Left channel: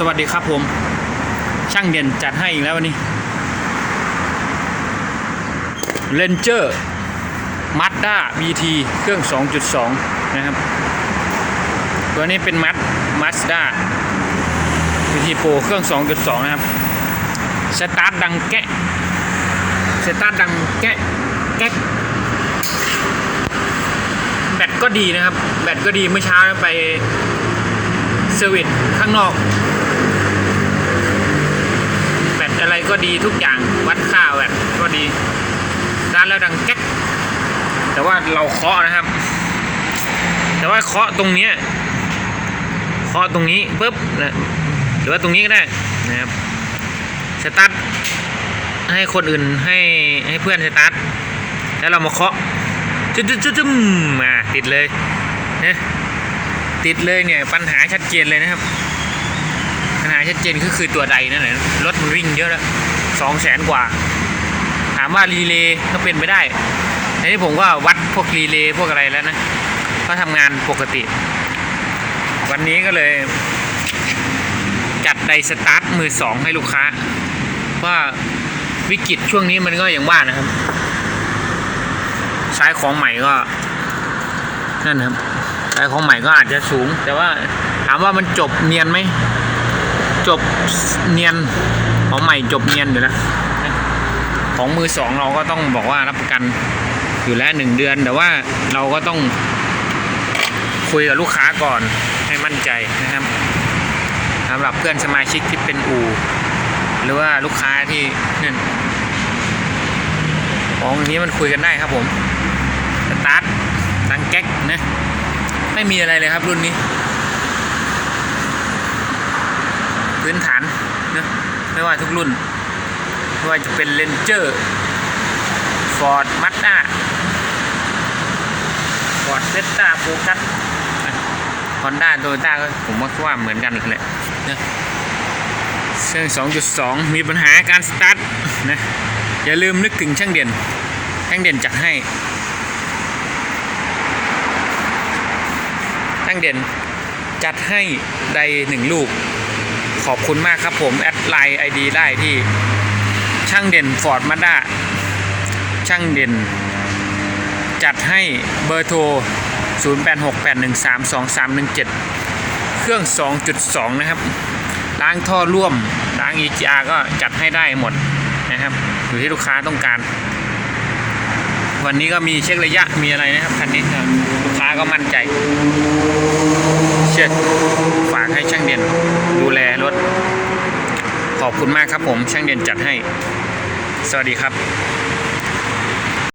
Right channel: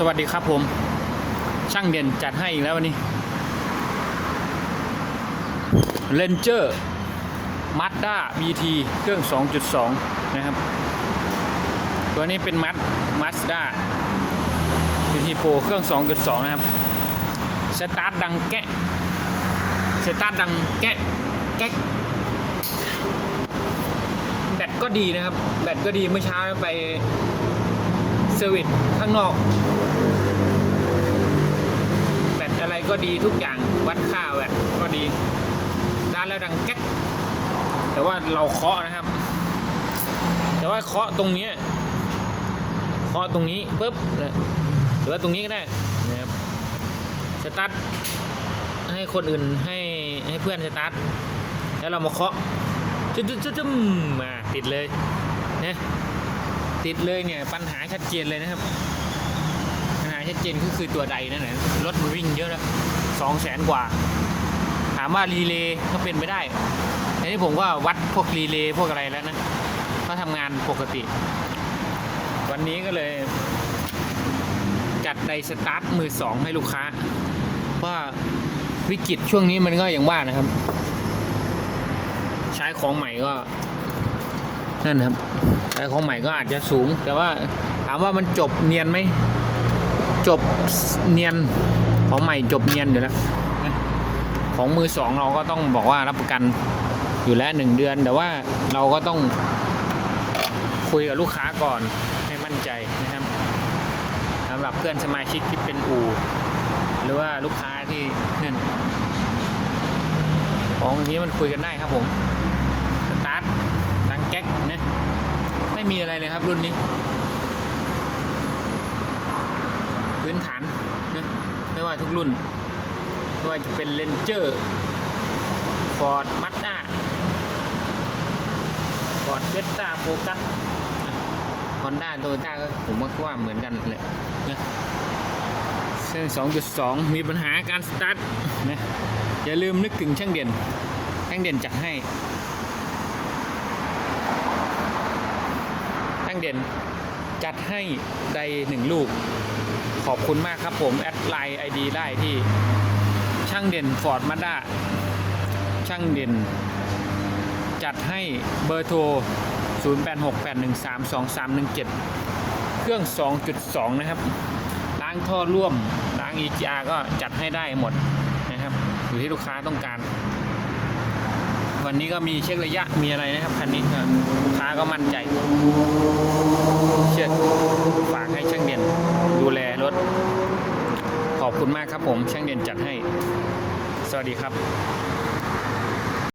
สวัสดีครับผม ช่างเด่นจัดให้อีกแล้ววันนี้เลนเจอร์มัดด้า BT เครื่อง 2.2 นะครับ ตัวนี้เป็นมัดมัสด้า BT Pro เครื่อง 2.2 นะครับ สตาร์ทดังแกะ สตาร์ทดังแกะแกะแบตก็ดีนะครับ แบตก็ดีเมื่อเช้าไป เซอร์วิสข้างนอก แบตอะไรก็ดีทุกอย่างวัดค่าแบตก็ดีร้านแล้วดังแก๊กแต่ว่าเราเคาะนะครับ แต่ว่าเคาะตรงเนี้ยเคาะตรงนี้ปุ๊บนะหรือว่าตรงนี้ก็ได้นะครับสตาร์ทให้คนอื่นให้ให้เพื่อนสตาร์ทแล้วเรามาเคาะจึ๊ดจึ๊ดจึ๊ดจึ๊ดมาติดเลยนะ ติดเลยเนี่ยปัญหาชัดเจนเลยนะครับ ปัญหาชัดเจนก็คือตัวใดนั่นแหละรถมันวิ่งเยอะแล้วสองแสนกว่า ถามว่ารีเลย์ก็เป็นไปได้แต่นี่ผมก็วัดพวกรีเลย์พวกอะไรแล้วนะ ก็ทำงานปกติ วันนี้ก็เลย จัดไดสตาร์ทมือสองให้ลูกค้า ว่าวิกฤตช่วงนี้มันก็อย่างว่านะครับ ใช้ของใหม่ก็นั่นครับ ใช้ของใหม่ก็อาจจะสูง แต่ว่าถามว่ามันจบเนียนไหม จบเนียน ของใหม่จบเนียนอยู่แล้ว ของมือสองเราก็ต้องบอกว่ารับประกันอยู่แล้วหนึ่งเดือน แต่ว่าเราก็ต้องคุยกับลูกค้าก่อนให้มั่นใจนะครับสำหรับเพื่อนสมาชิกที่เป็นอู่หรือว่าลูกค้าที่นั่นของอย่างนี้มันคุยกันได้ครับผมสตาร์ทดังแก๊กนะ ไม่มีอะไรเลยครับรุ่นนี้ พื้นฐานนะไม่ว่าทุกรุ่นไม่ว่าจะเป็นเลนเจอร์ฟอร์ดมั z ด้าฟอร์ดเซตตาโฟกัสฮอนด้าโตโยต้าก็ผมว่าเหมือนกันแหละนะเครื่อง 2.2 มีปัญหาการสตาร์ทนะอย่าลืมนึกถึงช่างเด่นช่างเด่นจัดให้างเด่น จัดให้ใดหนึ่งลูก ขอบคุณมากครับผม แอดไลน์ไอดีได้ที่ช่างเด่นฟอร์ดมาด้าช่างเด่น จัดให้เบอร์โทร 0868132317 เครื่อง 2.2 นะครับ ล้างท่อร่วม ล้าง EGR ก็จัดให้ได้หมดนะครับ อยู่ที่ลูกค้าต้องการ วันนี้ก็มีเช็คระยะมีอะไรนะครับ คันนี้นะลูกค้าก็มั่นใจ เช็คฝากให้ช่างเด่นดูแลรถ ขอบ คุณมากครับผมช่างเด่นจัดให้ สวัสดีครับ